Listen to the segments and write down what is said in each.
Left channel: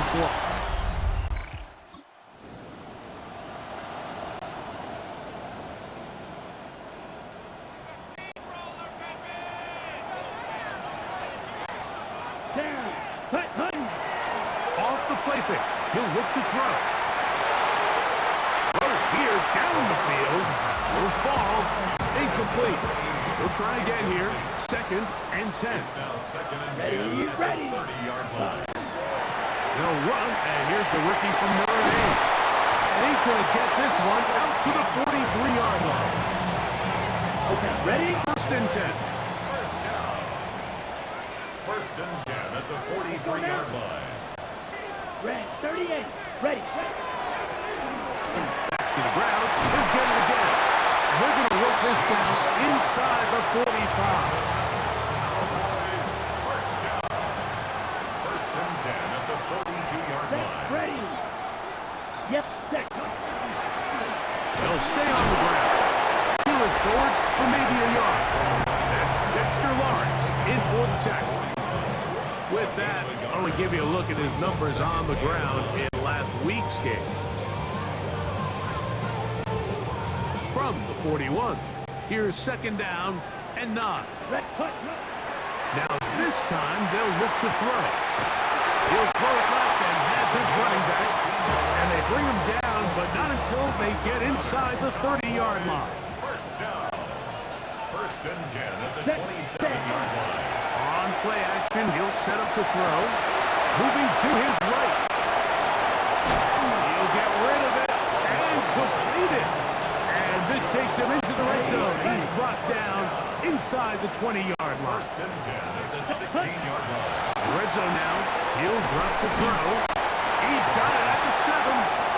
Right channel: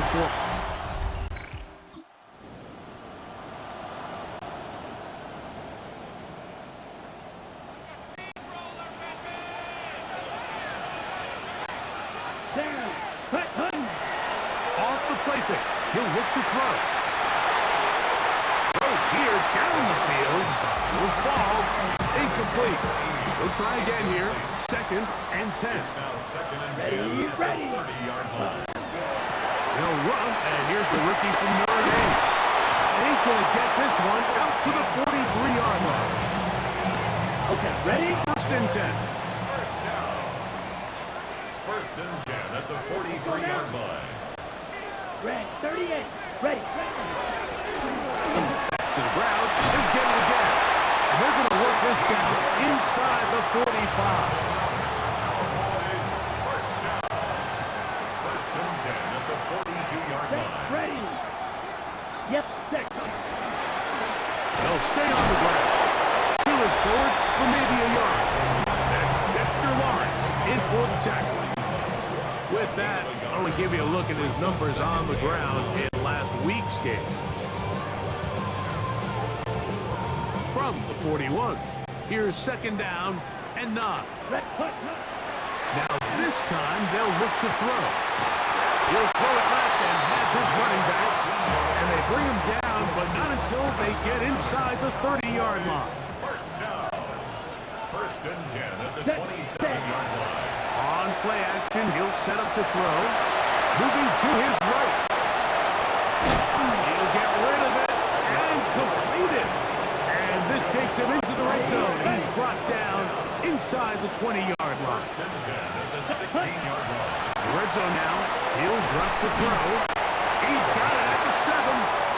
and 4. Down. Hut. Off the play fake. He'll look to throw. Throw here down the field. Will fall. Incomplete. He'll try again here. 2nd and 10. Now 2nd and 10 Ready. at the 30-yard line. They'll run, and here's the rookie from Notre Dame. And he's going to get this one out to the 43-yard line. Okay, ready? 1st and 10. First down. 1st and 10 at the 43-yard line. Red, 38. Ready. Back to the ground. He'll get it again. And they're going to work this down inside the 45. Cowboys, first down. 1st and 10 at the 42-yard line. Ready. Yep, set. They'll stay on the ground. Peel it forward for maybe a yard. That's Dexter Lawrence in for the tackle. With that, I want to give you a look at his numbers on the ground in last week's game. From the 41, here's 2nd down and 9. Now this time, they'll look to throw. He'll throw it left and has his running back. And they bring him down, but not until they get inside the 30-yard line. First down. 1st and 10 at the 27-yard line. On play action, he'll set up to throw. Moving to his right. He'll get rid of it and complete it. And this takes him into the red zone. He's brought down inside the 20-yard line. 1st and 10 at the 16-yard line. Red zone now. He'll drop to throw. He's got it at the 7.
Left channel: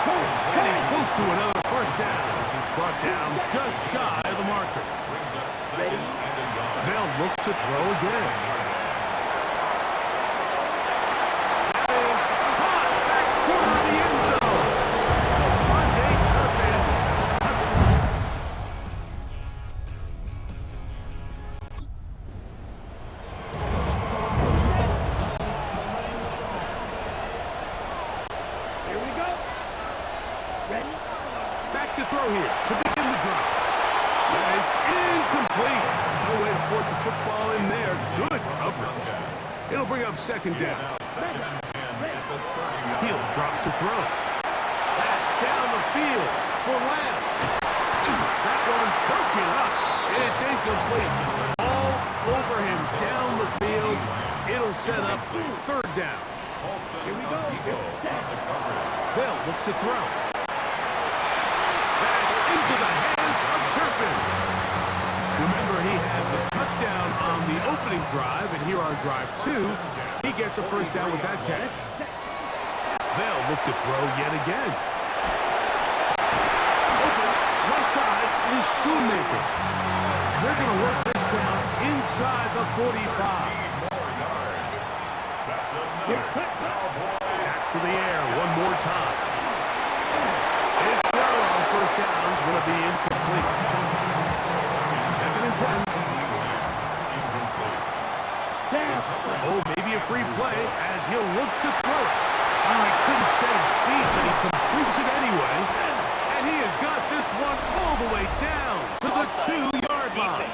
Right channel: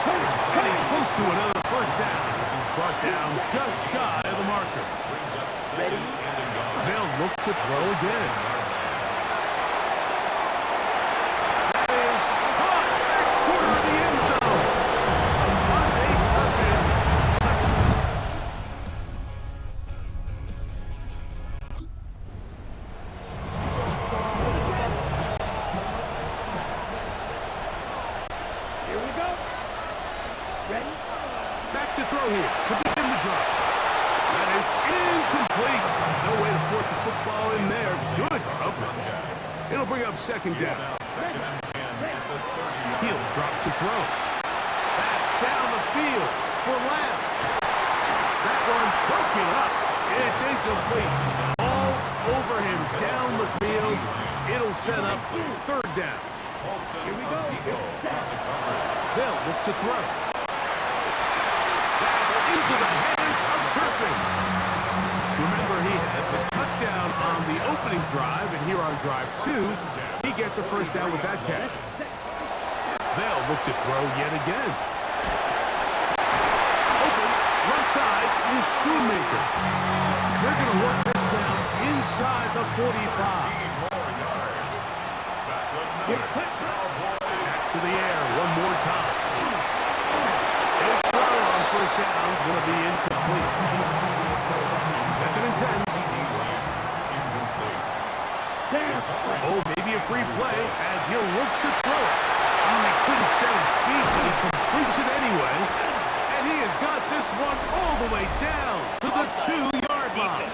And he's close to another 1st down as he's brought down just shy of the marker. Brings up 2nd and a yard. They'll look to throw again. That is caught back corner of the end zone. Devontae Turpin. Here we go. Ready? Back to throw here to begin the drop. That is incomplete. No way to force the football in there. Good coverage. It'll bring up 2nd down. Now 2nd and 10 at the 30-yard. He'll drop to throw. That's down the field for Lamb. That one broken up. It's incomplete. All over him down the field. It'll set up 3rd down. Here we go. They'll look to throw. That's into the hands of Turpin. Remember, he had the touchdown on the opening drive, and here on drive 2, he gets a 1st down with that catch. They'll look to throw yet again. Open, left side is Schoonmaker. They're going to work this down inside the 45. That's another Cowboys. Back to the air one more time. His throw on 1st down is going to be incomplete. 2nd and 10. Incomplete. Oh, maybe a free play as he'll look to throw it. Oh, he couldn't set his feet, but he completes it anyway. And he has got this one all the way down to the 2-yard line.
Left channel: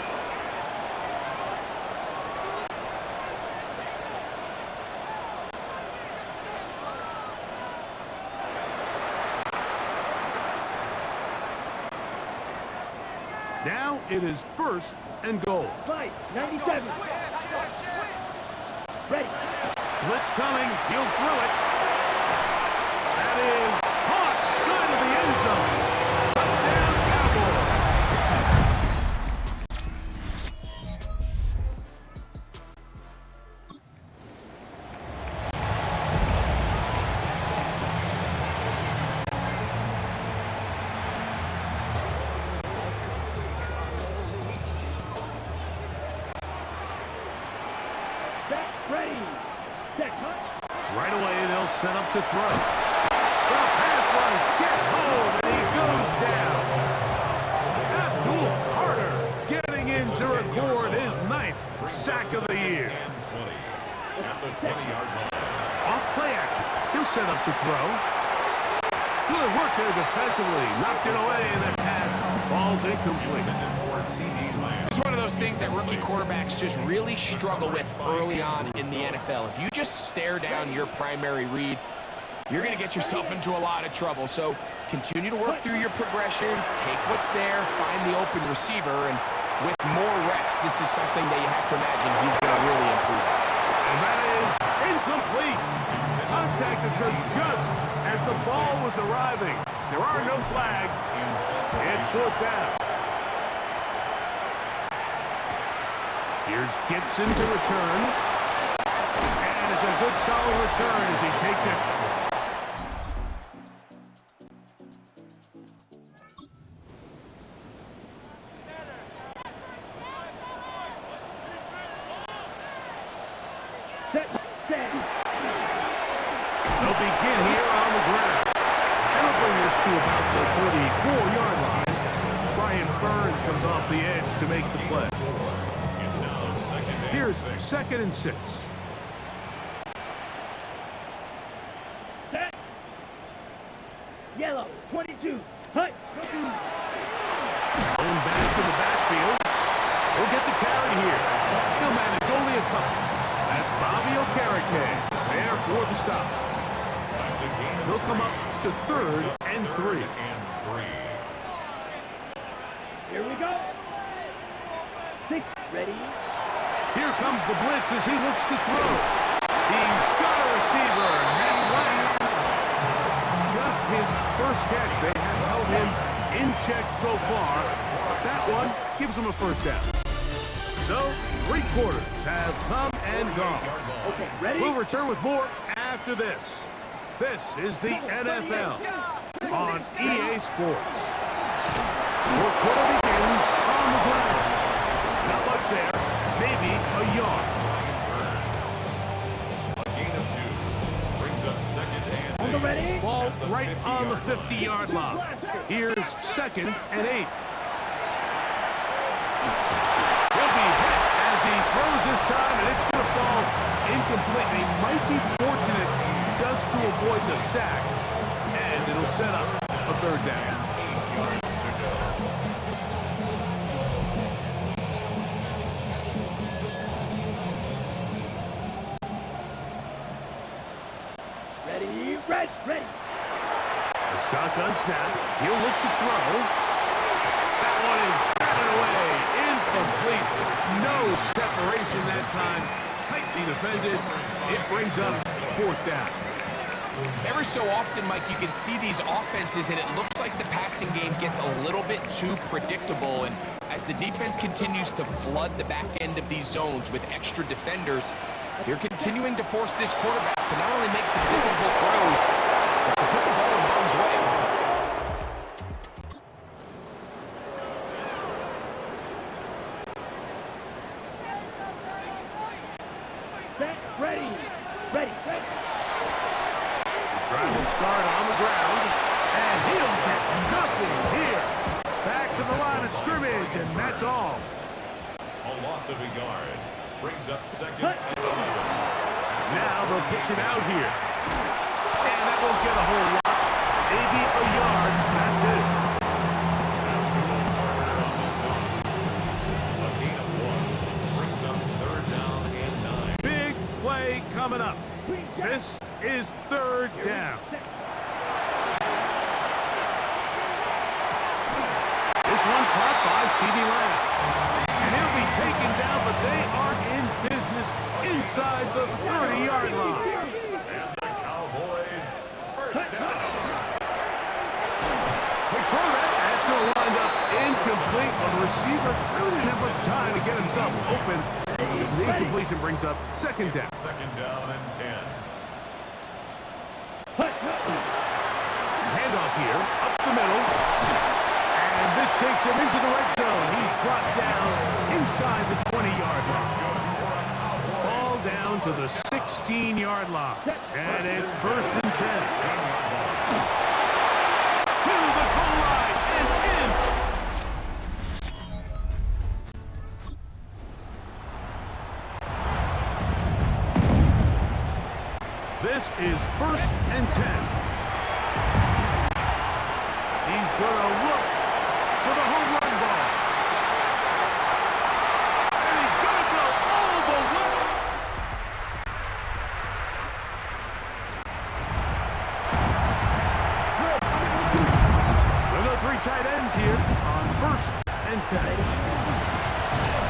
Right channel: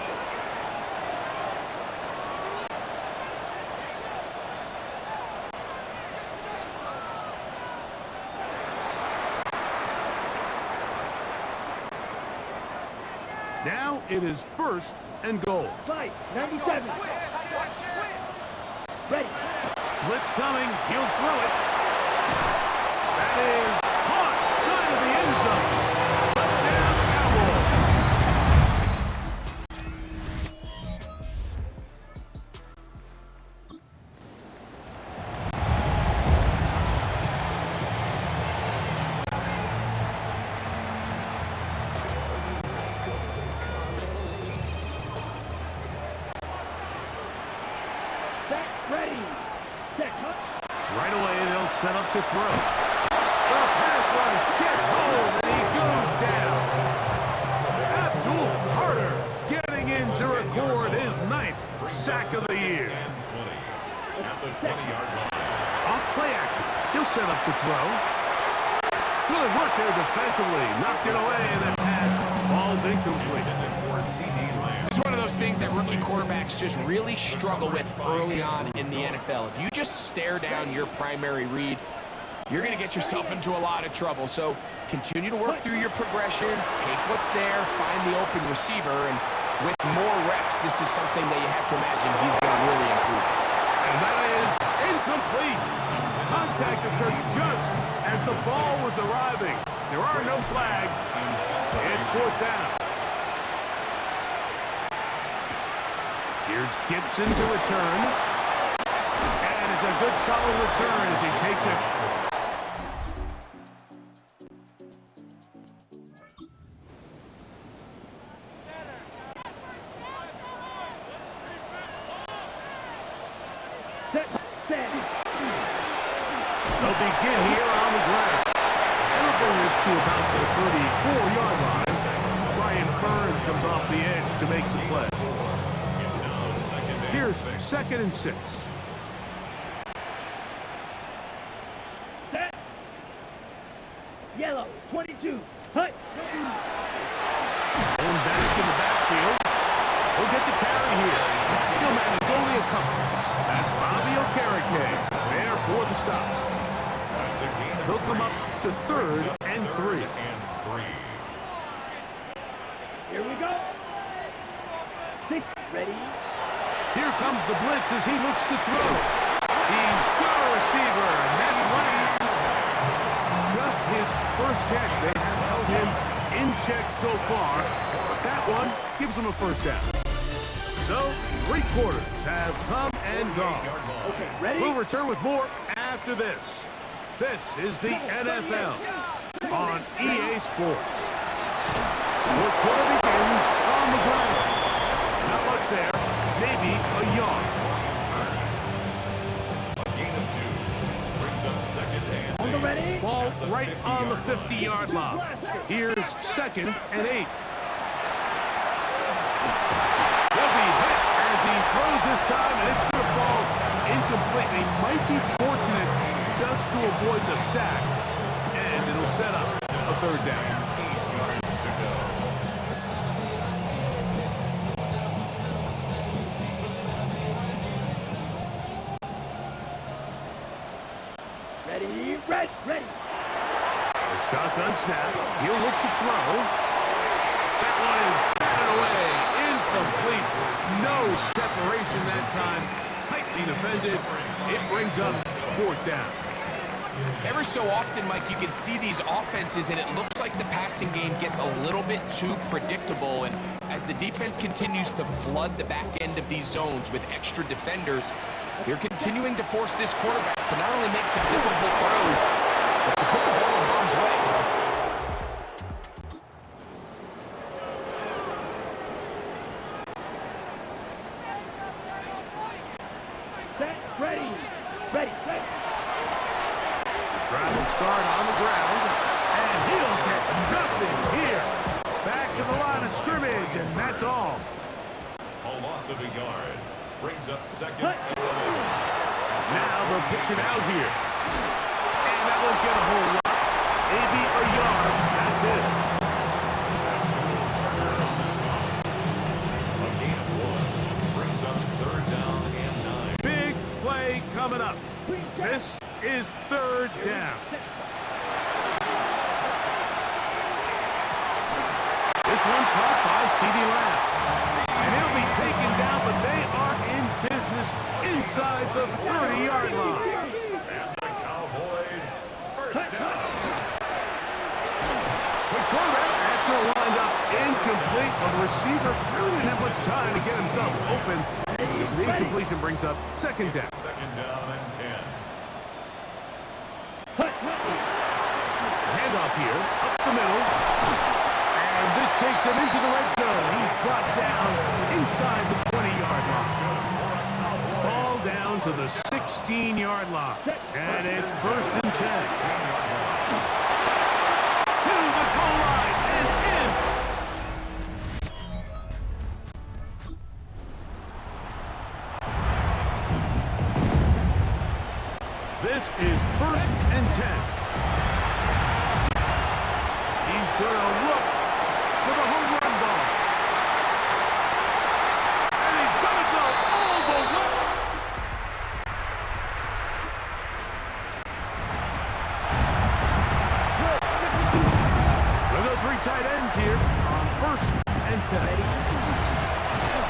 Now it is 1st and goal. Fight, 97. Ready. Blitz coming. He'll throw it. That is caught side of the end zone. Touchdown, Cowboys. Back, ready. Set, cut. Right away, they'll set up to throw. The pass rush gets home, and he goes down. Abdul Carter getting in to record his 9th sack of the year. And 20 at the 20-yard line. Off play action. He'll set up to throw. Good work there defensively. Knocked it away, and that pass falls incomplete. It's one of those things that rookie quarterbacks just really struggle with early on in the NFL. If you just stare down your primary read, you're going to get yourself into a lot of trouble. So continue to work through your progressions, take what's there, find the open receiver, and with more reps, this is something that you have to imagine he's going to really improve. And that is incomplete. Contact occurred just as the ball was arriving. There are no flags. It's fourth down. Here's Gibson to return. And it's a good solid return as he takes it. They'll begin here on the ground. And they'll bring this to about the 34-yard line. Brian Burns comes off the edge to make the play. Here's 2nd and 6. Set. Yellow, 22. Hut. Going back in the backfield. He'll get the carry here. He'll manage only a couple. That's Bobby Okereke there for the stop. He'll come up to 3rd and 3. Here we go. 6. Ready. Here comes the blitz as he looks to throw. He's got a receiver, and that's Lamb. Just his first catch. They have held him in check so far. That one gives him a first down. So, 3 quarters have come and gone. Okay, ready? We'll return with more after this. This is the NFL on EA Sports. Fourth quarter begins on the ground. Not much there, maybe a yard. A gain of 2 brings up 2nd and 8. On the ready? Ball right on the 50-yard line. Here's 2nd and 8. He'll be hit as he throws this time, and it's going to fall incomplete. He might be fortunate just to avoid the sack, and it'll set up a 3rd down. 8 yards to go. Ready. Ready. A shotgun snap. He'll look to throw. That one is batted away. Incomplete. No separation that time. Tightly defended. It brings up 4th down. Every so often, Mike, you can see these offenses, and it looks like the passing game gets a little bit too predictable. And as the defense continues to flood the back end of these zones with extra defenders, they're continuing to force this quarterback to not only make some difficult throws, but to put the ball in harm's way. Set. Ready. Ready. His drive will start on the ground, and he'll get nothing here. Back to the line of scrimmage, and that's all. A loss of a yard brings up 2nd and 11. Now they'll pitch it out here. And that won't get a whole lot. Maybe a yard. That's it. Abdul Carter on the stop. A gain of 1 brings up 3rd down and 9. Big play coming up. This is 3rd down. This one caught by C.D. Lamb. And he'll be taken down, but they are in business inside the 30-yard line. And the Cowboys, 1st down. Quick throw there, and it's going to wind up incomplete. Well, the receiver really didn't have much time to get himself open. The incompletion brings up 2nd down. 2nd down and 10. Handoff here, up the middle. And this takes him into the red zone. He's brought down inside the 20-yard line. Ball down to the 16-yard line. And it's 1st and 10. To the goal line and in. This is 1st and 10. He's going to look for the home run ball. And he's going to go all the way. We'll go 3 tight ends here on 1st and 10.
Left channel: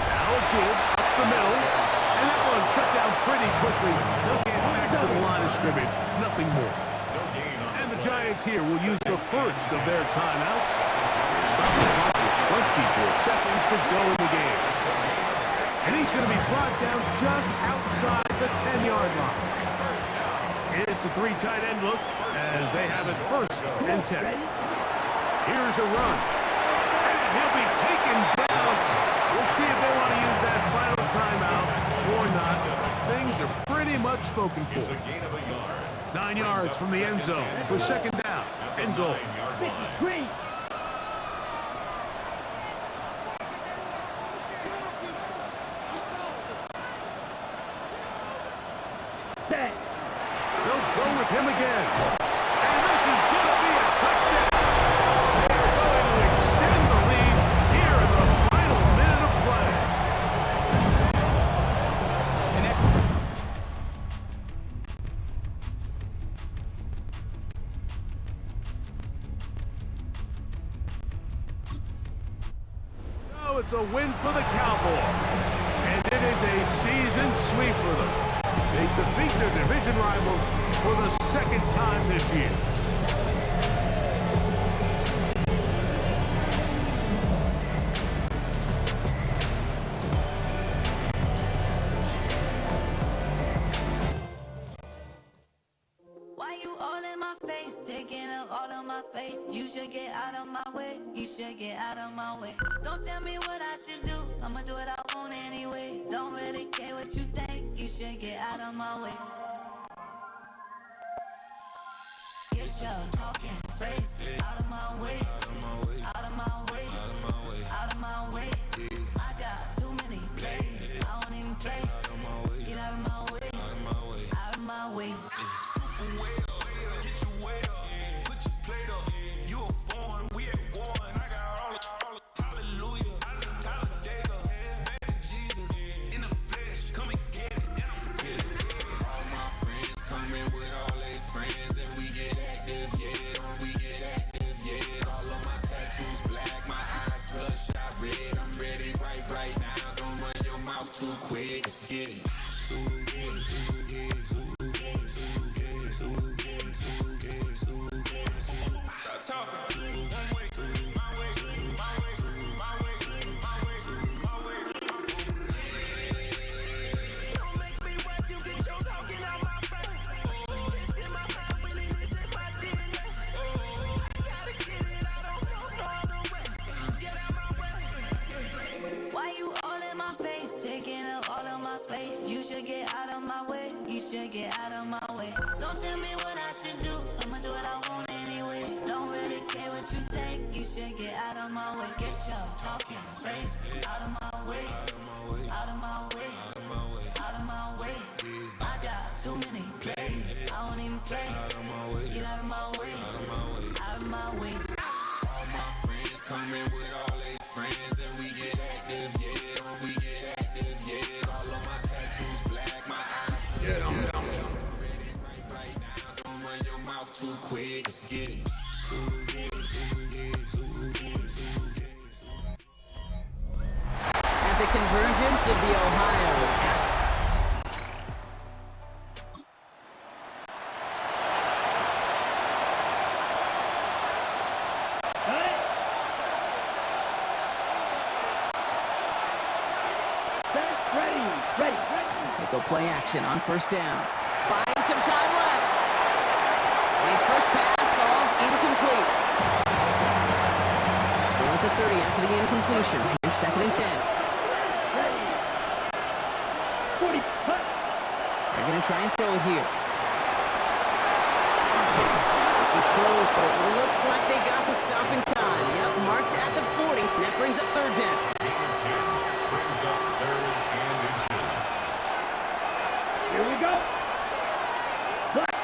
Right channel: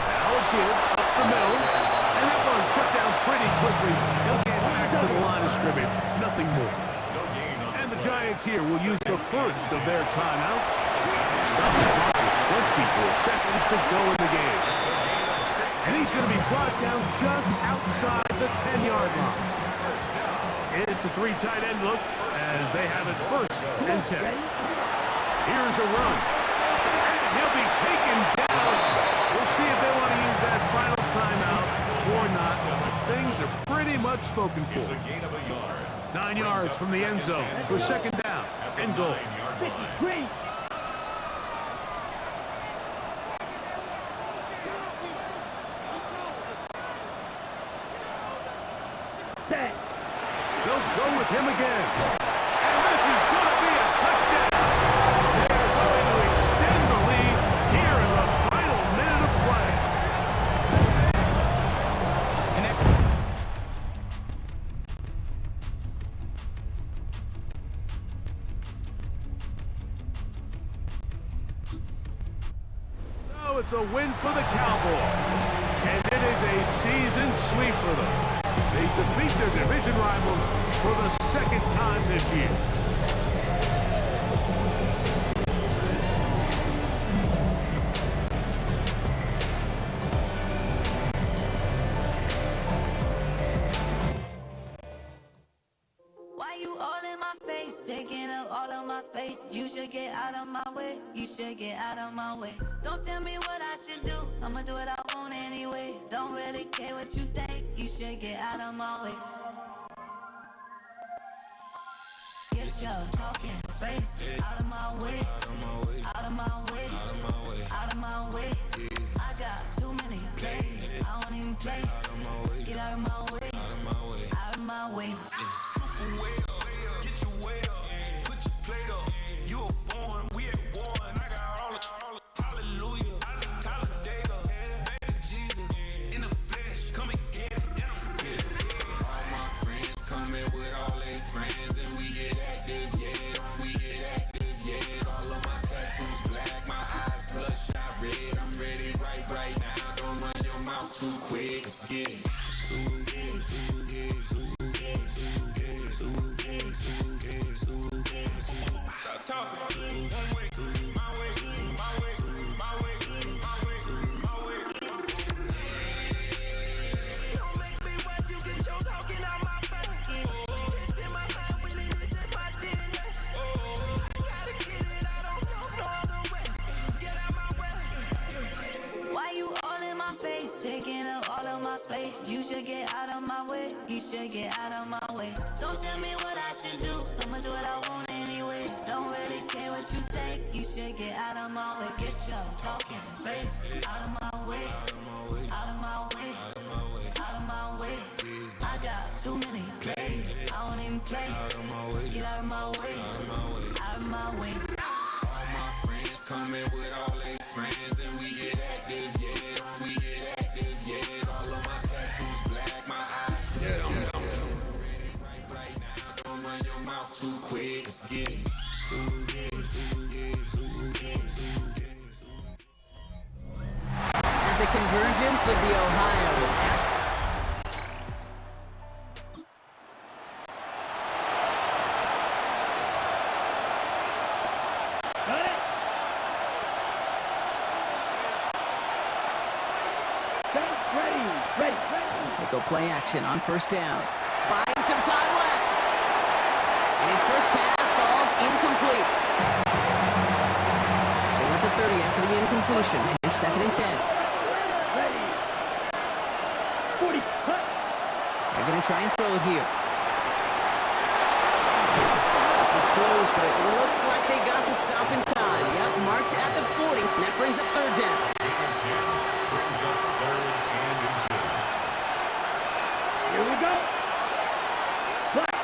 Now a give up the middle. And that one shut down pretty quickly. He'll get back to the line of scrimmage. Nothing more. And the Giants here will use the first of their timeouts. Stop the clock with 24 seconds to go in the game. And he's going to be brought down just outside the 10-yard line. It's a 3 tight end look as they have it 1st and 10. Here's a run. And he'll be taken down. We'll see if they want to use that final timeout or not. Things are pretty much spoken for. 9 yards from the end zone for 2nd down and goal. 53. Set. They'll go with him again. And this is going to be a touchdown. They are going to extend the lead here in the final minute of play. And that So it's a win for the Cowboys. And it is a season sweep for them. They defeat their division rivals for the 2nd time this year. Why you all in my face, taking up all of my space? You should get out of my way, you should get out of my way. Don't tell me what I should do, I'ma do what I want anyway. Don't really care what you think, you should get out of my way. Get your talking face out of my way, out of my way, out of my way, out of my way, out of my way. I got too many plays, I don't even play. Get out of my way, out of my way, out of my way. Way up, get your weight up, put your plate up. You a foreign, we at war, and I got all the hallelujah, Talladega, baby Jesus, in the flesh, come and get it, and I'm with it. All my friends coming with all their friends, and we get active, yeah, don't we get active, yeah. All of my tattoos black, my eyes bloodshot red, I'm ready right now. Don't run your mouth too quick, let's get it. Stop talking. One way, my way, my way, my way, my way, my way. Don't make me rap, you get your talking out my face. It's in my mind, winning this in my DNA. Gotta get it, I don't know no other way. Get out my way. Why you all in my face, taking up all of my space? You should get out of my way, you should get out of my way. Don't tell me what I should do, I'ma do what I want anyway. Don't really care what you think, you should get out of my way. Get your talking face out of my way, out of my way, out of my way, out of my way, out of my way. I got too many plays, I don't even play. Out of my way, get out of my way, out of my way, out of my way. All my friends coming with all their friends, and we get active, yeah, don't we get active, yeah. All of my tattoos black, my eyes black. I'm ready right now. Don't run your mouth too quick, let's get it. At the convergence of the Ohio. Got it. Set. Ready. They go play action on 1st down. Buying some time left. And his first pass falls incomplete. Still at the 30 after the incompletion. Here's 2nd and 10. Ready. 40. Cut. They're going to try and throw it here. This is close, but it looks like they got the stop in time. Yep, marked at the 40. And that brings up 3rd down. Gain of 10 brings up 3rd and inches. Here we go. Black.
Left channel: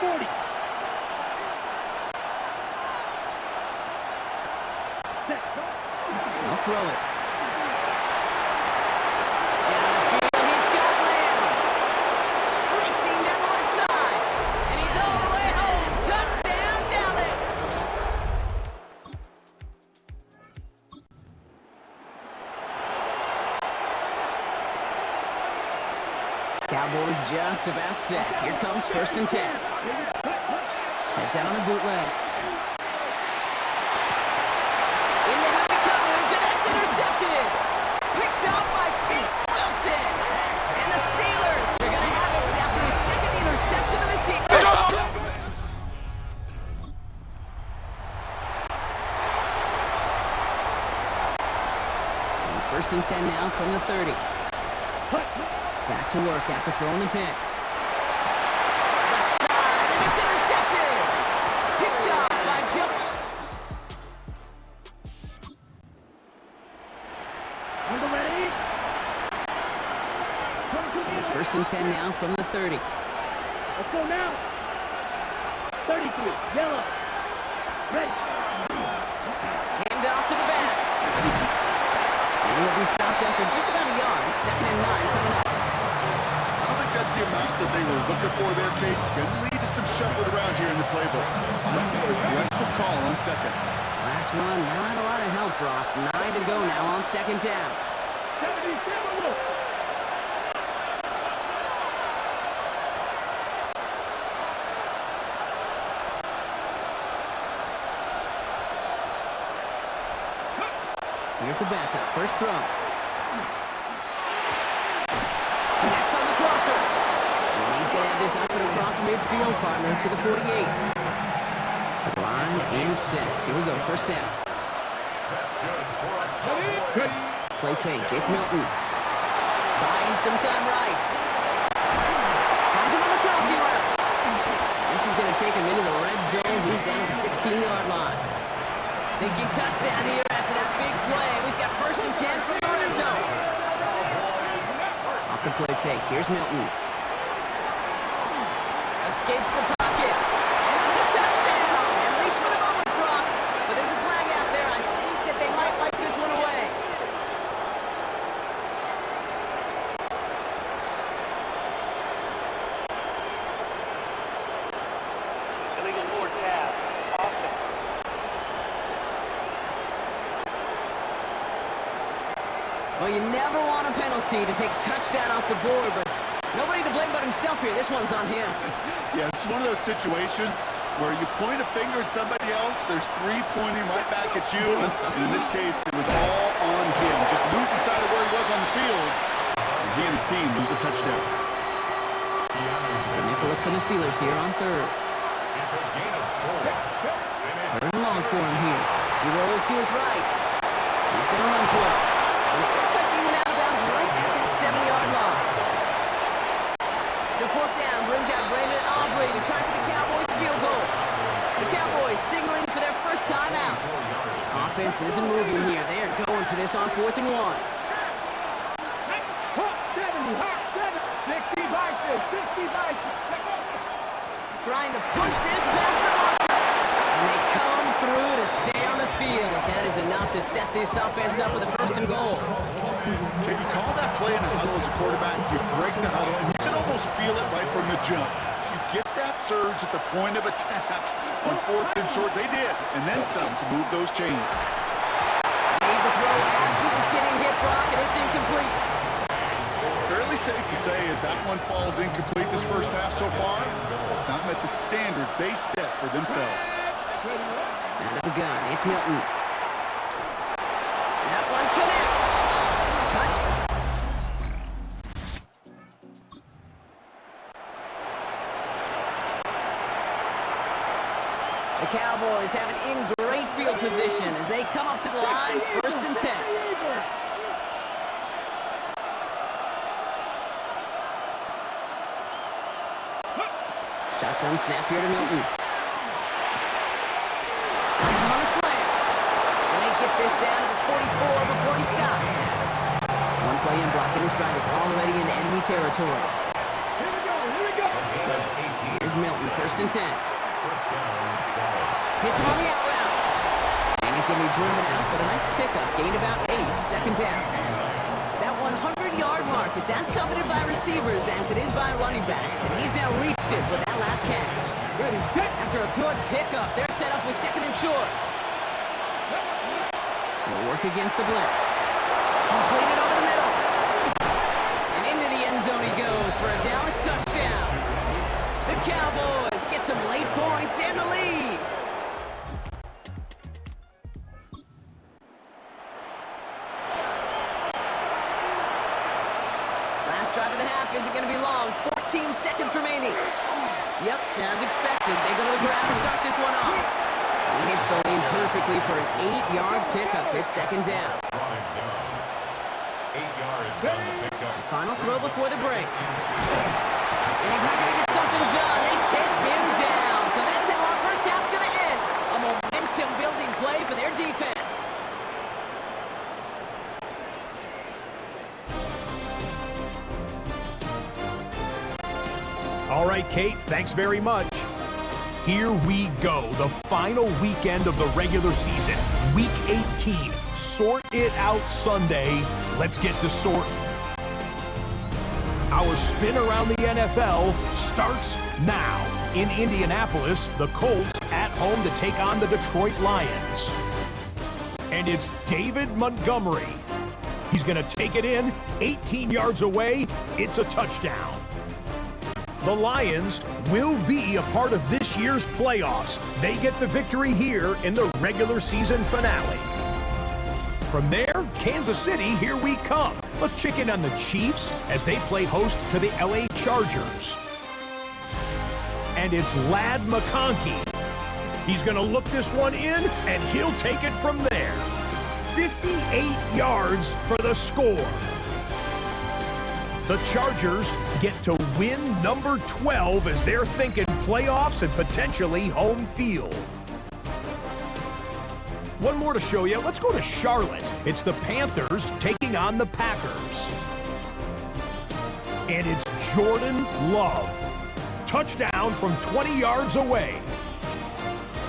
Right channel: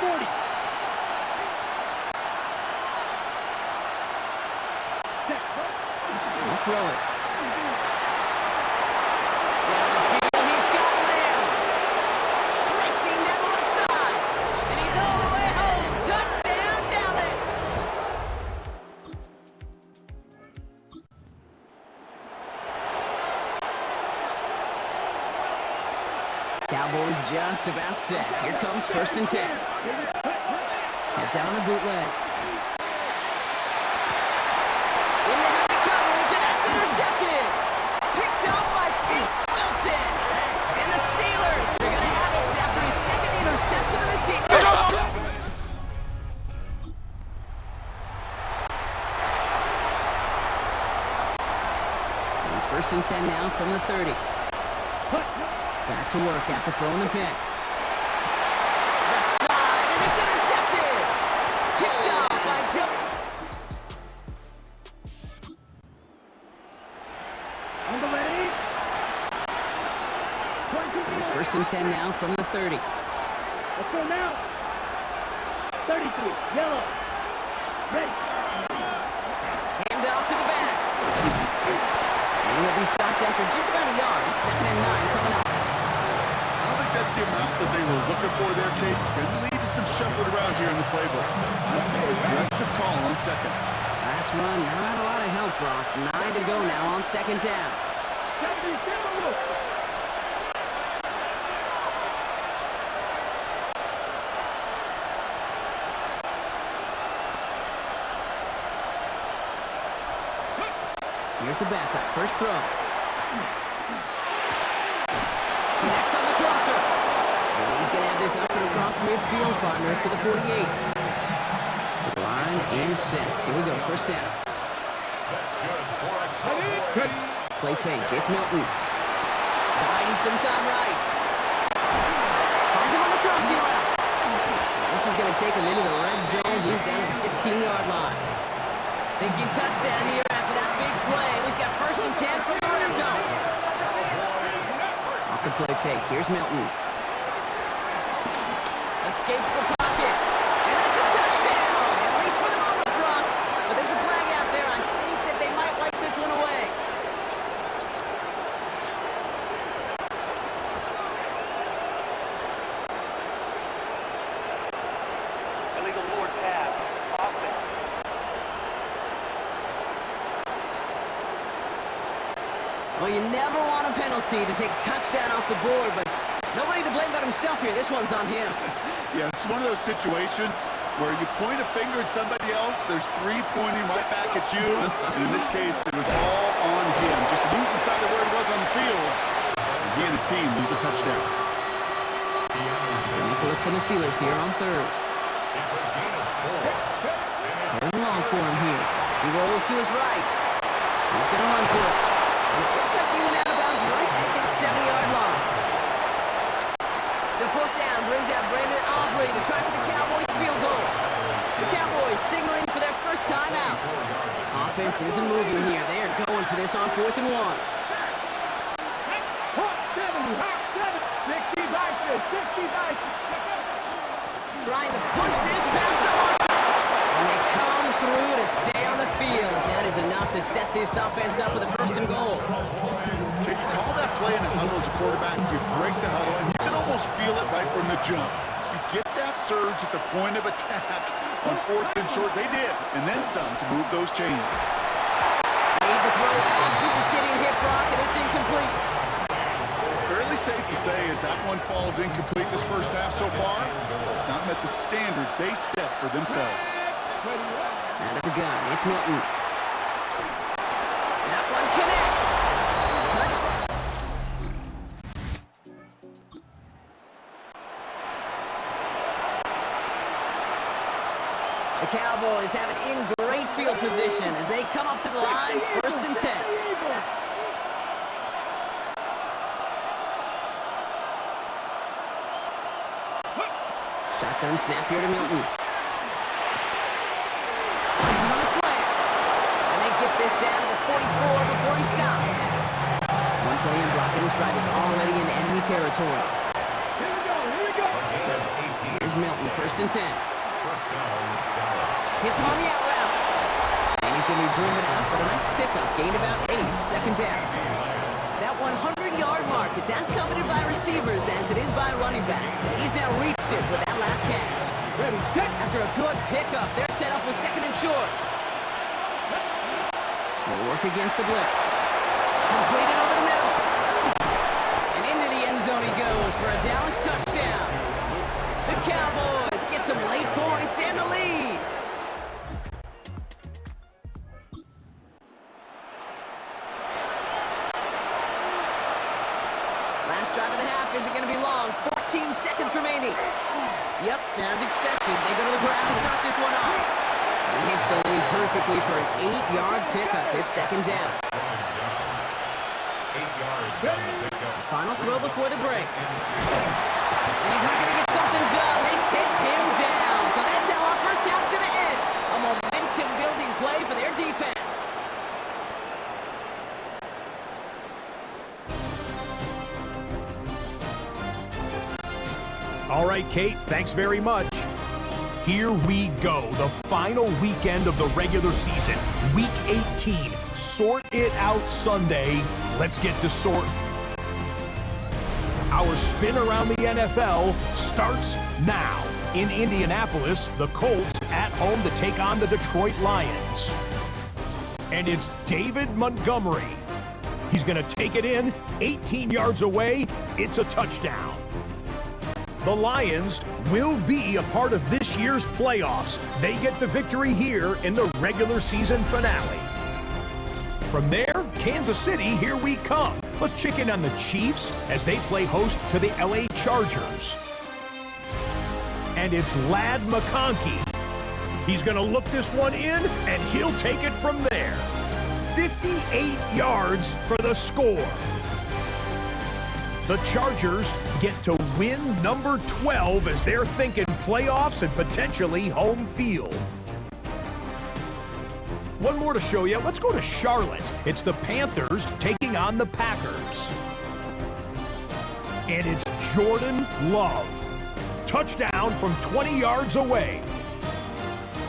Cowboys just about set. Here comes 1st and 10. Heads out on the bootleg. Into heavy coverage, and that's intercepted. Picked up by Pete Wilson. And the Steelers are going to have it after his second interception of the season. So 1st and 10 now from the 30. Back to work after throwing the pick. Left side, and it's intercepted. Picked up by Joe. On the ready. So 1st and 10 now from the 30. Let's go now. 33, yellow. Ready. Hand off to the back. And he'll be stopped after just about a yard. 2nd and 9 coming up. I don't think that's the amount that they were looking for there, Kate. Going to lead to some shuffling around here in the playbook. Aggressive call on 2nd. Last run, not a lot of help, Brock. 9 to go now on 2nd down. 77. Here's the backup. First throw. Connects on the crosser. And he's going to have this up and across midfield, partner, to the 48. To the line and set. Here we go. 1st down. Play fake. It's Milton. Buying some time right. Finds him on the crossing route. This is going to take him into the red zone. He's down at the 16-yard line. Thinking touchdown here after that big play. We've got 1st and 10 from the red zone. Off the play fake. Here's Milton. Escapes the pocket. And that's a touchdown. At least for the moment, Brock. But there's a flag out there. I think that they might wipe this one away. Illegal forward pass. Offense. Well, you never want a penalty to take a touchdown off the board, but nobody to blame but himself here. This one's on him. Yeah, it's one of those situations where you point a finger at somebody else, there's 3 pointing right back at you. And in this case, it was all on him. Just losing sight of where he was on the field. And he and his team lose a touchdown. It's a nickel look from the Steelers here on 3rd. It's a gain of 4. 3rd and long for him here. He rolls to his right. He's going to run for it. And it looks like he went out of bounds right at that 7-yard line. So 4th down brings out Brandon Aubrey to try for the Cowboys field goal. The Cowboys signaling for their first time out. Offense isn't moving here. They are going for this on 4th and 1. Hot 70, hot 7. 60 vices, 60 vices. Trying to push this past the marker. And they come through to stay on the field. That is enough to set this offense up with a 1st and goal. Okay, you call that play in a huddle as a quarterback, you break the huddle, and you can almost feel it right from the jump. You get that surge at the point of attack on 4th and short. They did, and then some to move those chains. Made the throw as he was getting hit, Brock, and it's incomplete. Fairly safe to say as that one falls incomplete this first half so far, it's not met the standard they set for themselves. Out of the gun, it's Milton. That one connects. Touch. The Cowboys have it in great field position as they come up to the line, 1st and 10. Shotgun snap here to Milton. Finds him on the slant. And they get this down to the 44 before he stopped. One play in blocking his drive is already in enemy territory. Here we go, here we go. Here's Milton, 1st and 10. First down, Dallas. Hits him on the out route. And he's going to be driven out, but a nice pickup. Gained about 8, 2nd down. That 100-yard mark, it's as coveted by receivers as it is by running backs. And he's now reached it with that last catch. Ready, set. After a good pickup, they're set up with 2nd and short. They'll work against the blitz. Completed over the middle. And into the end zone he goes for for a Dallas touchdown. The Cowboys get some late points and the lead. Last drive of the half isn't going to be long. 14 seconds remaining. Yep, as expected, they go to the ground to start this one off. And he hits the lane perfectly for an 8-yard pickup. It's second down. 8 yards on the pickup. Final throw before the break. And he's not going to get something done. They take him down. So that's how our first half's going to end. A momentum-building play for their defense. All right, Kate, thanks very much. Here we go, the final weekend of the regular season, Week 18. Sort it out Sunday. Let's get to sorting. Our spin around the NFL starts now. In Indianapolis, the Colts at home to take on the Detroit Lions. And it's David Montgomery. He's going to take it in, 18 yards away. It's a touchdown. The Lions will be a part of this year's playoffs. They get the victory here in the regular season finale. From there, Kansas City, here we come. Let's check in on the Chiefs as they play host to the LA Chargers. And it's Ladd McConkey. He's going to look this one in, and he'll take it from there. 58 yards for the score. The Chargers get to win number 12 as they're thinking playoffs and potentially home field. One more to show you. Let's go to Charlotte. It's the Panthers taking on the Packers. And it's Jordan Love. Touchdown from 20 yards away.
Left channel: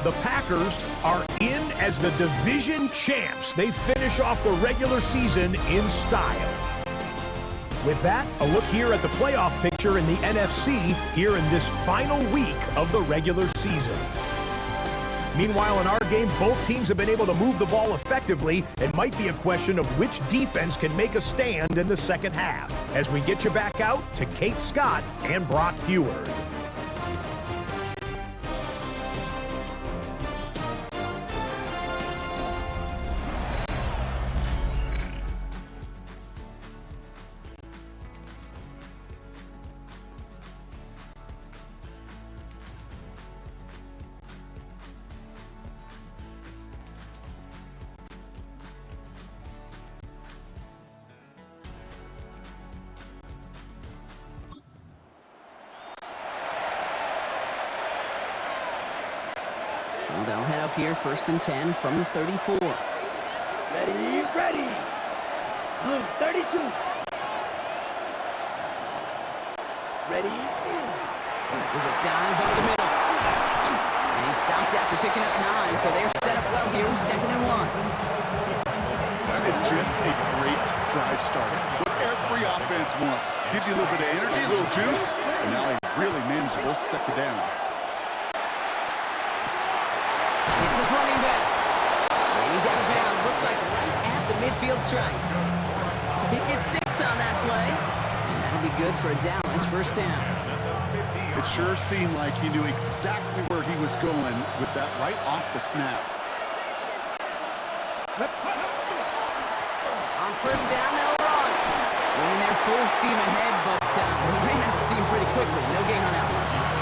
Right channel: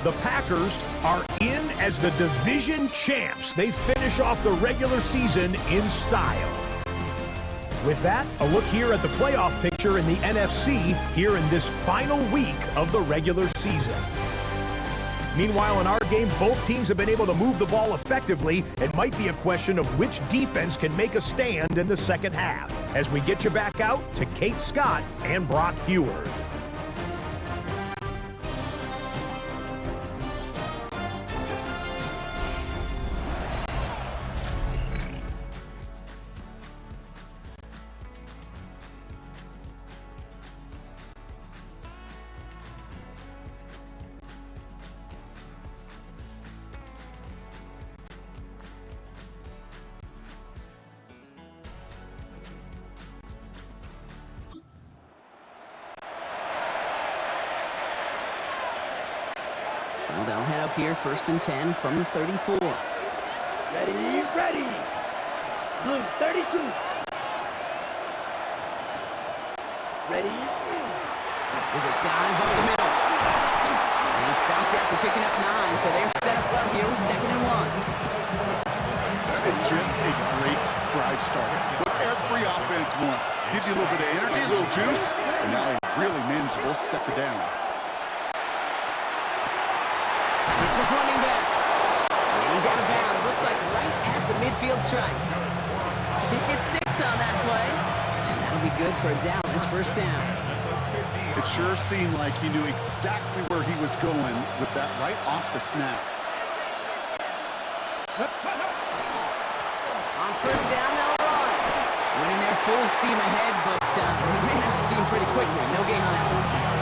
The Packers are in as the division champs. They finish off the regular season in style. With that, a look here at the playoff picture in the NFC here in this final week of the regular season. Meanwhile, in our game, both teams have been able to move the ball effectively. It might be a question of which defense can make a stand in the second half. As we get you back out to Kate Scott and Brock Heward. So they'll head up here, 1st and 10 from the 34. Ready, ready. Blue, 32. Ready. There's a dive up the middle. And he stopped after picking up 9, so they're set up well here with 2nd and 1. That is just a great drive starter. What every offense wants. Gives you a little bit of energy, a little juice, and now a really manageable 2nd down. It's his running back. And he's out of bounds. Looks like right at the midfield stripe. He gets 6 on that play. And that'll be good for a Dallas 1st down. It sure seemed like he knew exactly where he was going with that right off the snap. On 1st down, they'll run. Winning their full steam ahead, but he ran out of steam pretty quickly. No gain on that one.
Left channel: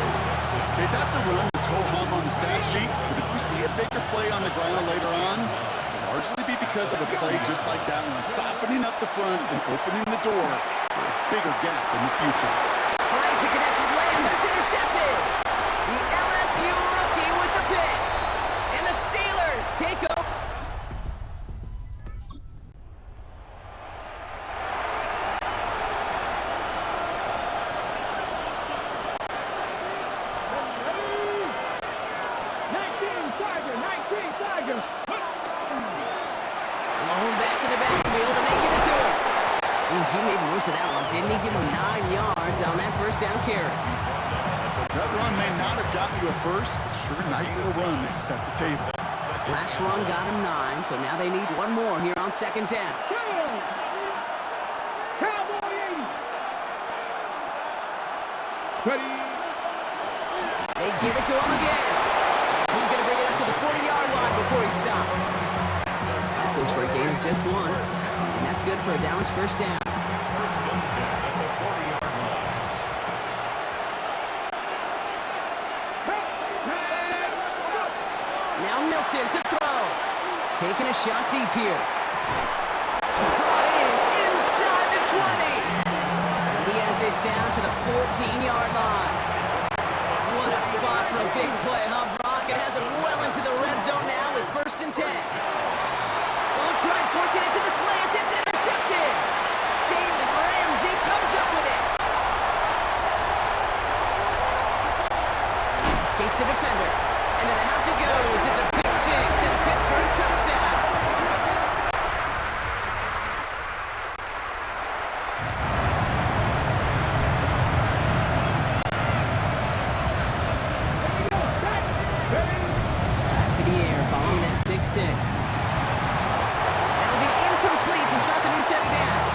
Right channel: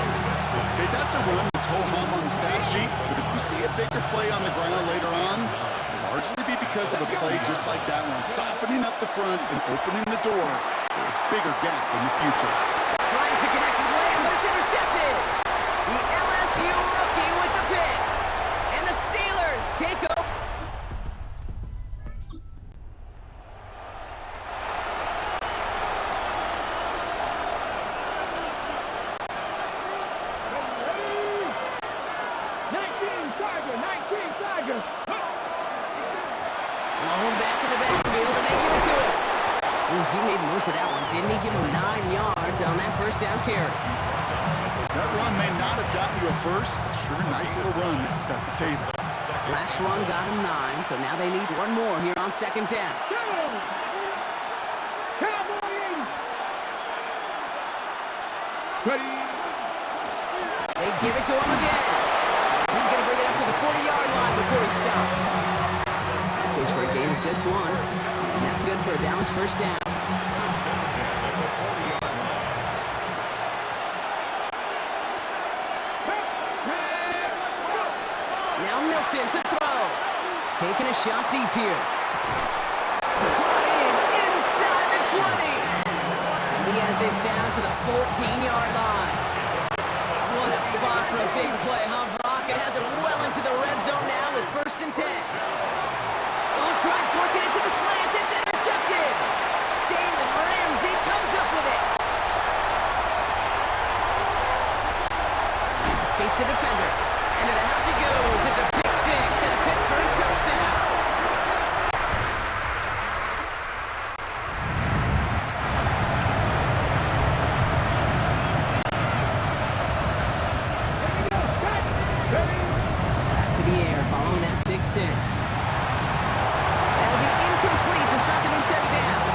Okay, that's a run that's ho-hum on the stat sheet, but if you see a bigger play on the ground later on, it'll largely be because of a play just like that one, softening up the front and opening the door for a bigger gap in the future. Trying to connect with Lamb, but it's intercepted. The LSU rookie with the pick. And the Steelers take over. Lone back in the backfield, and they give it to him. Ooh, he made most of that one, didn't he? Give him 9 yards on that 1st down carry. That run may not have gotten you a first, but sure a nice little run to set the table. Last run got him 9, so now they need one more here on 2nd down. Cowboy 80. Ready. They give it to him again. He's going to bring it up to the 40-yard line before he stopped. That goes for a gain of just one, and that's good for a Dallas first down. First and 10 at the 40-yard line. Now Milton to throw. Taking a shot deep here. Brought in inside the 20. And he has this down to the 14-yard line. What a spot for a big play, huh, Brock? It has it well into the red zone now with first and 10. Don't try and force it into the slant. It's intercepted. Jalen Ramsey comes up with it. Escapes the defender. Into the house he goes. It's a pick six and a Pittsburgh touchdown. Back to the air following that pick six. That'll be incomplete to start the new set of downs.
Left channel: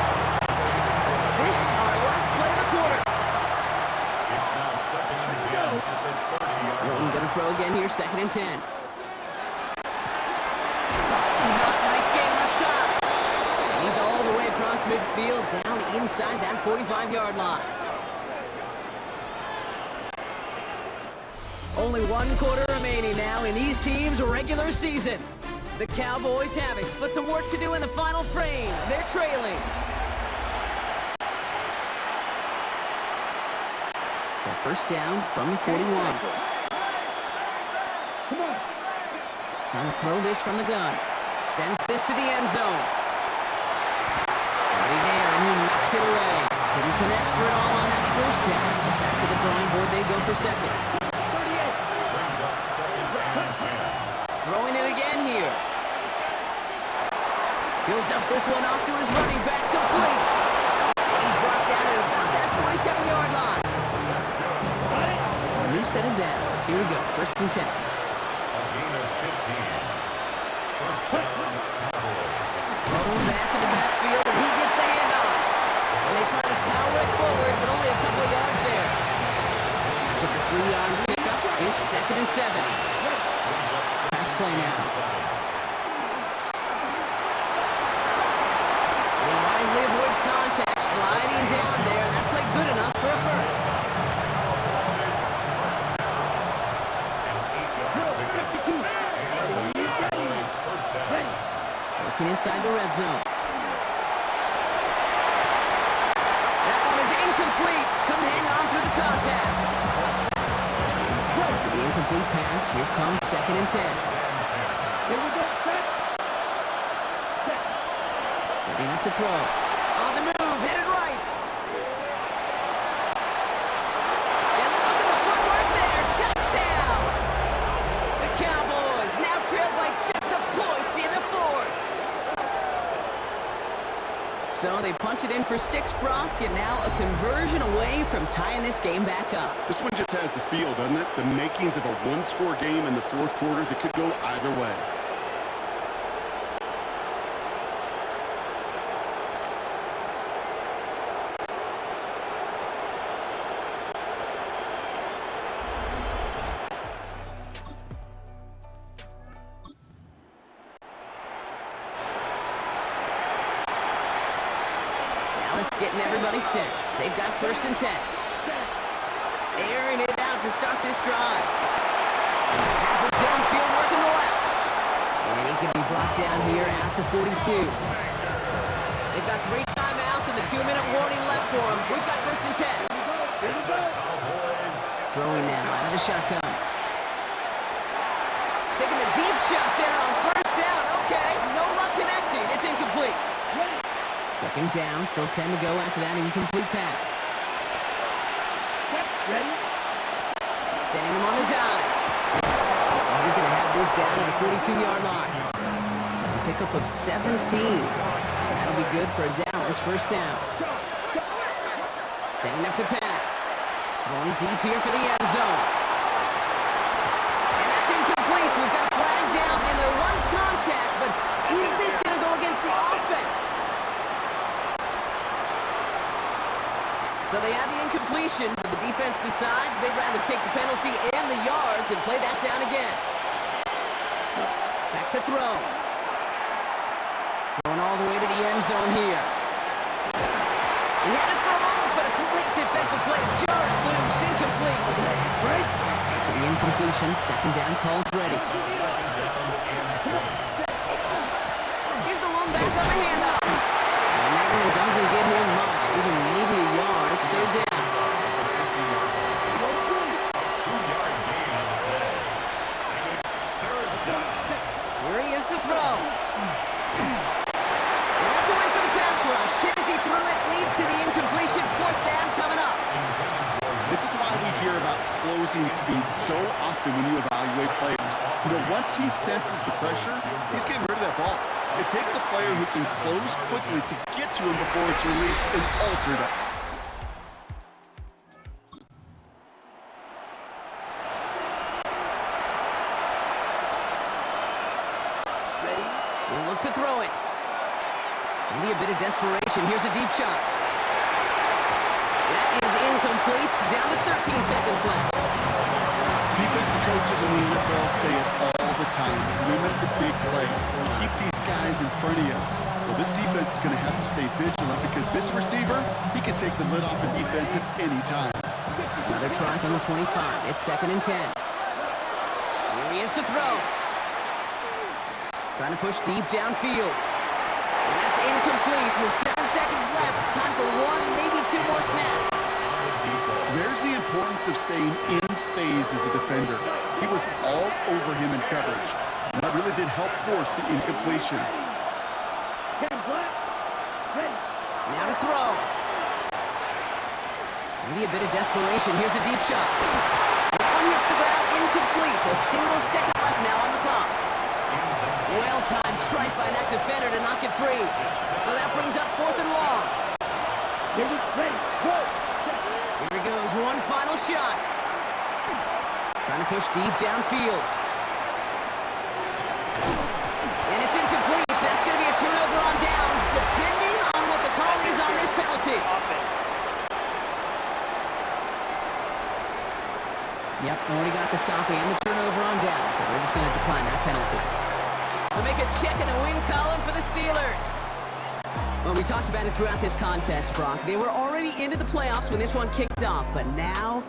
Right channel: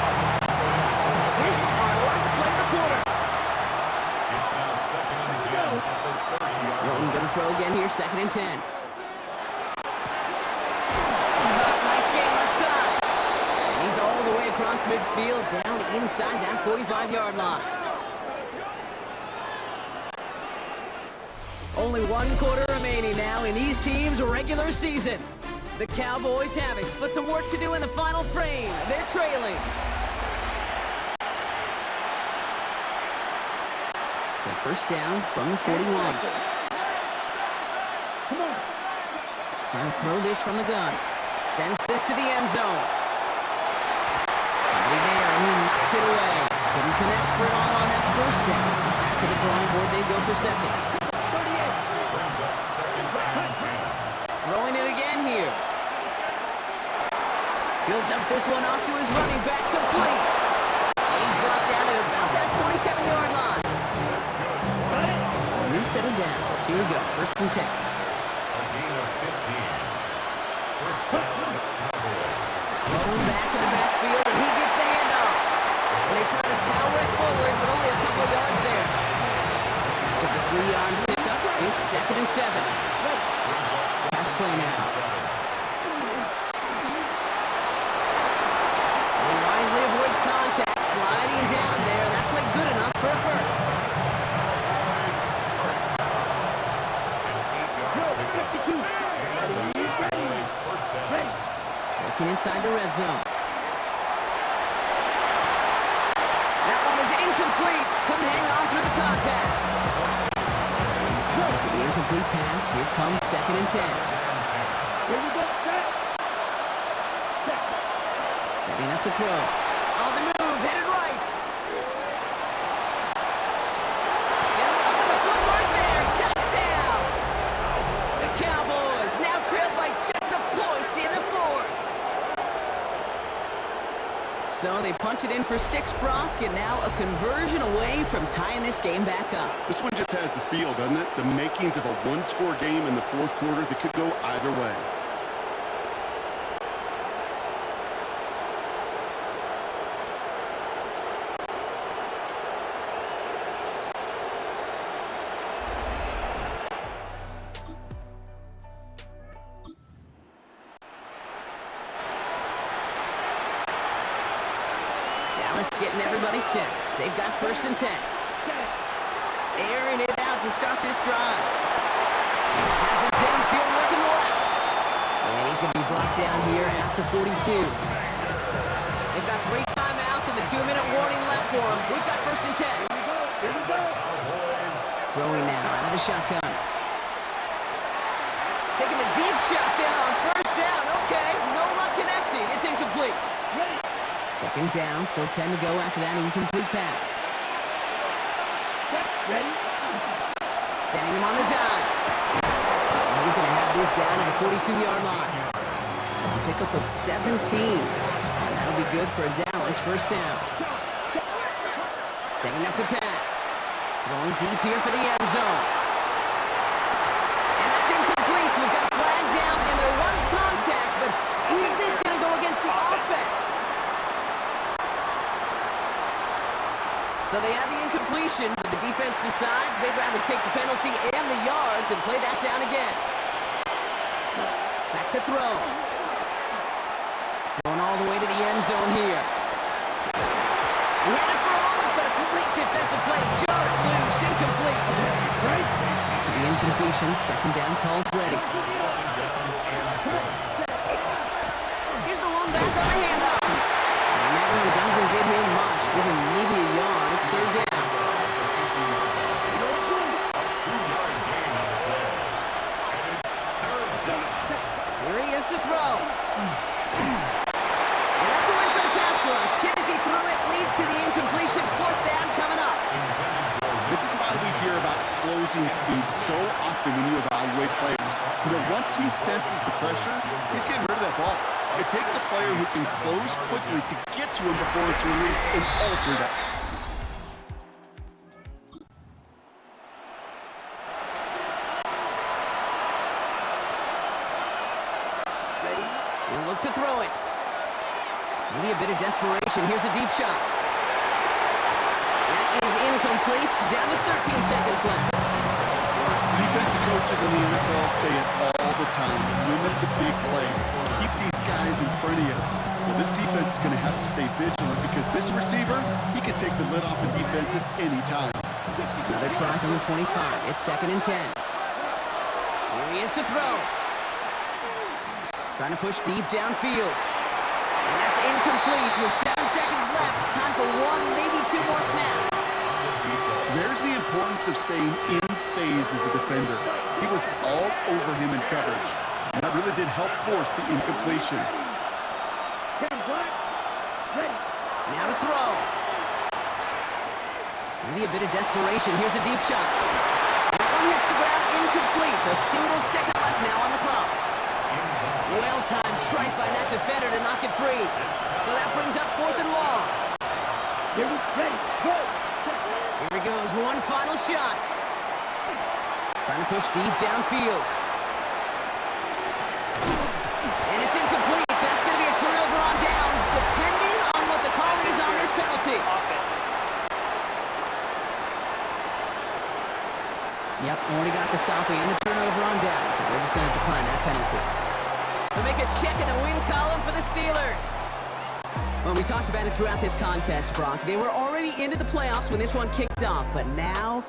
This our last play of the quarter. It's now second and 10 at the 30-yard Milton line. gonna throw again here, second and 10. Nice game left side. And he's all the way across midfield, down inside that 45-yard line. Only one quarter remaining now in these teams' regular season. The Cowboys have it, but some work to do in the final frame. They're trailing. So first down from the 41. Trying to throw this from the gun. Sends this to the end zone. Somebody there, and he knocks it away. Couldn't connect for it all on that first down. So back to the drawing board they go for second. Brings up second and 10. Throwing it again here. He'll dump this one off to his running back, complete. And he's brought down at about that 27-yard line. That's good. So a new set of downs. Here we go, first and 10. A gain of 15. First down, Cowboys. Thrown back in the backfield, and he gets the handoff. And they try to power it forward, but only a couple of yards there. After the 3-yard pickup, it's second and 7. Brings up second Pass play now. and 7. He wisely avoids contact, sliding down there. That played good enough for a first. Cowboys, first down. An 8-yard pickup. And the Cowboys first down. Working inside the red zone. That one is incomplete. Couldn't hang on through the contact. After the incomplete pass, here comes second and 10. Here we go. Set. Setting up to throw. On the move, headed right. And look at the footwork there. Touchdown. The Cowboys now trailed by just a point in the fourth. So they punch it in for 6, Brock, and now a conversion away from tying this game back up. This one just has the feel, doesn't it? The makings of a one-score game in the fourth quarter that could go either way. Dallas getting everybody set. They've got first and 10. Airing it out to start this drive. Has it downfield working the left. And he's going to be brought down here at the 42. They've got 3 timeouts and the 2-minute warning left for them. We've got first and 10. Cowboys. Throwing now out of the shotgun. Taking a deep shot there on first down. Okay, no luck connecting. It's incomplete. Second down, still 10 to go after that incomplete pass. Ready? Sending him on the dive. And he's going to have this down at the 42-yard line. A pickup of 17. And that'll be good for a Dallas first down. Setting up to pass. Throwing deep here for the end zone. And that's incomplete. We've got a flag down, and there was contact, but is this going to go against the offense? So they had the incompletion, but the defense decides they'd rather take the penalty and the yards and play that down again. Back to throw. Going all the way to the end zone here. He had it for a moment, but a great defensive play to jar it loose. Incomplete. After the incompletion, second down call's ready. Here's the one back on the handoff. And that one doesn't get him much, giving maybe a yard. It's third down. Here he is to throw. And that's a win for the pass rush. Hit as he threw it, leads to the incompletion. Fourth down coming up. This is why we hear about closing speed so often when you evaluate players. You know, once he senses the pressure, he's getting rid of that ball. It takes a player who can close quickly to get to him before it's released and alter that. He'll look to throw it. Maybe a bit of desperation. Here's a deep shot. That is incomplete. Down to 13 seconds left. Defensive coaches in the NFL say it all the time. Limit the big play. Keep these guys in front of you. Well, this defense is going to have to stay vigilant because this receiver, he can take the lid off a defense at any time. Another try from the 25. It's 2nd and 10. Here he is to throw. Trying to push deep downfield. And that's incomplete with 7 seconds left. Time for one, maybe two more snaps. There's the importance of staying in phase as a defender. He was all over him in coverage. And that really did help force the incompletion. Now to throw. Maybe a bit of desperation. Here's a deep shot. That one hits the ground incomplete. A single second left now on the clock. Well-timed strike by that defender to knock it free. So that brings up 4th and long. Here he goes, one final shot. Trying to push deep downfield. And it's incomplete. That's going to be a turnover on downs, depending on what the call is on this penalty. Yep, already got the stop and the turnover on downs, so they're just going to decline that penalty. So make a check in the win column for the Steelers. Well, we talked about it throughout this contest, Brock. They were already into the playoffs when this one kicked off, but now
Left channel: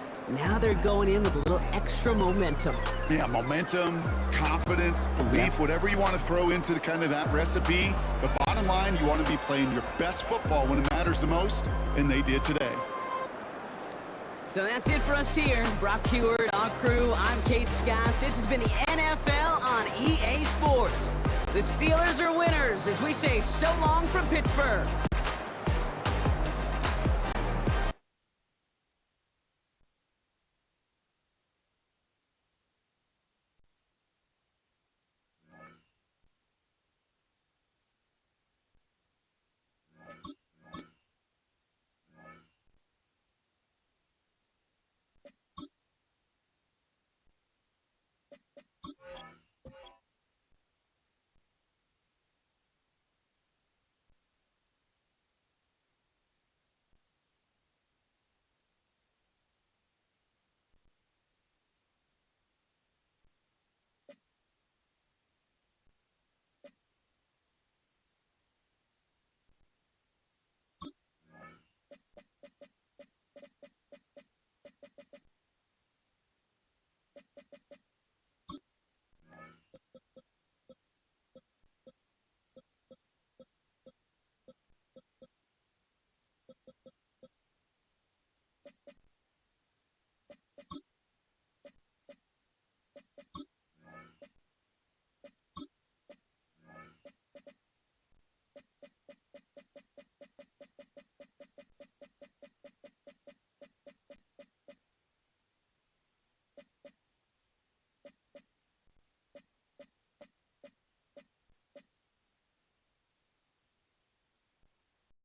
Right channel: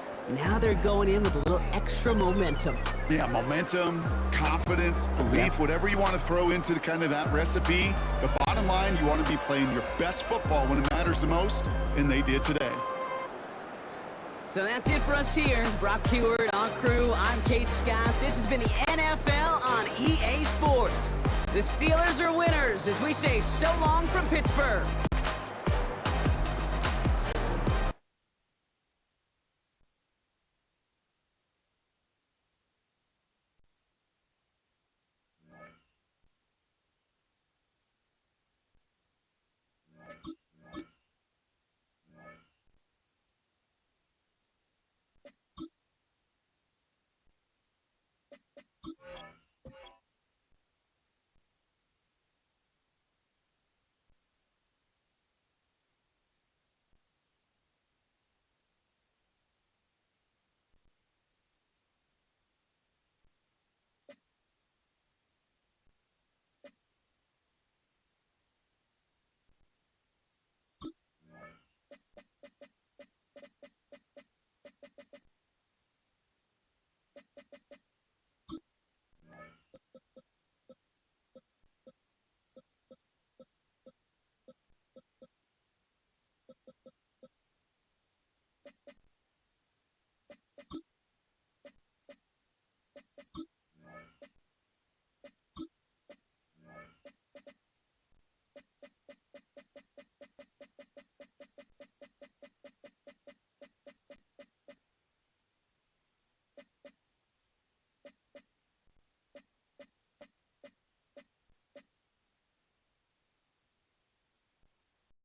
they're going in with a little extra momentum. Yeah, momentum, confidence, belief, whatever you want to throw into the kind of that recipe. The bottom line, you want to be playing your best football when it matters the most, and they did today. So that's it for us here. Brock Heward, our crew, I'm Kate Scott. This has been the NFL on EA Sports. The Steelers are winners as we say so long from Pittsburgh.